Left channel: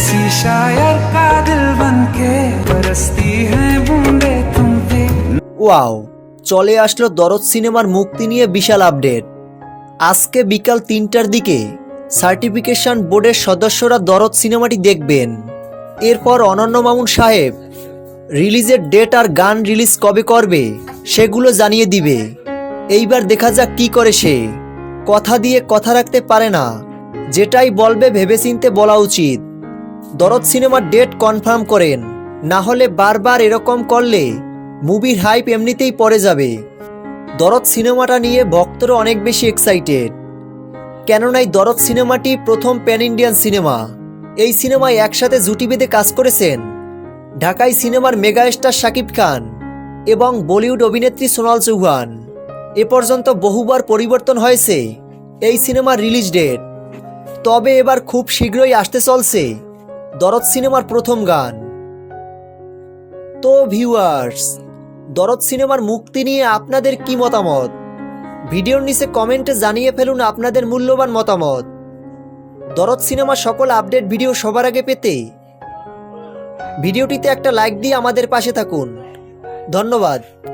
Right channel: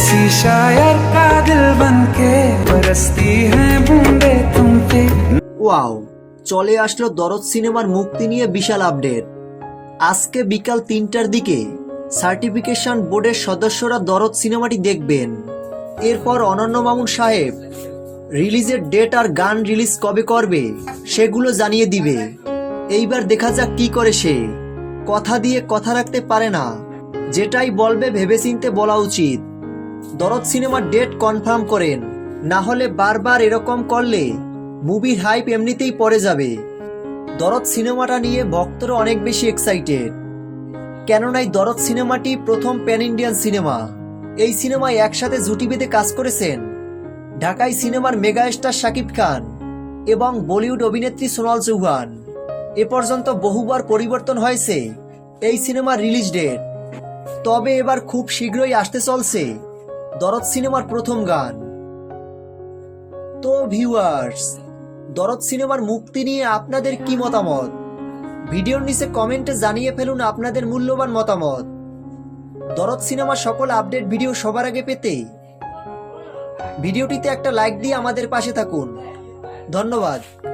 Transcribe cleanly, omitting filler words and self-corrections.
किसी शायर का दिल बनके बरसती हैं बूंदे तुम पे। ওয়াও, চলে আসলো দরদ সিনেমার মুক্তি নিয়ে বিশাল আপডেট। আজকে বিকাল ৩টার দিকে সার্টিফিকেশন বোর্ডের সদস্যরা দরদ সিনেমাটি দেখবেন। এরপর অনন্য মামুন সাহেব রিলিজের ডেট আর গান রিলিজ কবে করবে সেগুলো জানিয়ে দিবে। এইবার দেখা যাক কি করে সে। কথা দিয়ে কথা রাখতে পারে না, যেটাই বলবে ভেবেচিন্তে বলা উচিত। দরদ সিনেমার ডেট কনফার্ম করেন, না হলে বারবার এরকম করলে মুভির হাইপ এমনিতেই পড়ে যাবে। দরদ সিনেমাটা নিয়ে ভক্তরা অনেক বেশি এক্সাইটেড, কেননা এই দরদ সিনেমাটি প্রথম প্যান ইন্ডিয়ান সিনেমা। এই সিনেমায় একসাথে জুটি বেঁধে কাজ করেছেন ঢাকাই সিনেমার মেগাস্টার শাকিব খান এবং বলিউড অভিনেত্রী সোনাল চৌহান। এ পর্যন্ত বহুবার পরিবর্তন হয়েছে এই সিনেমার রিলিজ ডেট, তবে এবার খুব শীঘ্রই আসতে চলছে দরদ সিনেমার প্রথম গান। তো ভিউয়ার্স, দরদ সিনেমার মুক্তি নিয়ে আপনাদের কি মতামত? ভিডিওর নিচে কমেন্টে জানিয়ে ফেলুন আপনাদের মূল্যবান মতামত। দরদ সিনেমার সকল আপডেট ভিডিও সবার আগে পেতে ভিডিওটিতে একটা লাইক দিয়ে আমাদের পাশে থাকুন। ধন্যবাদ।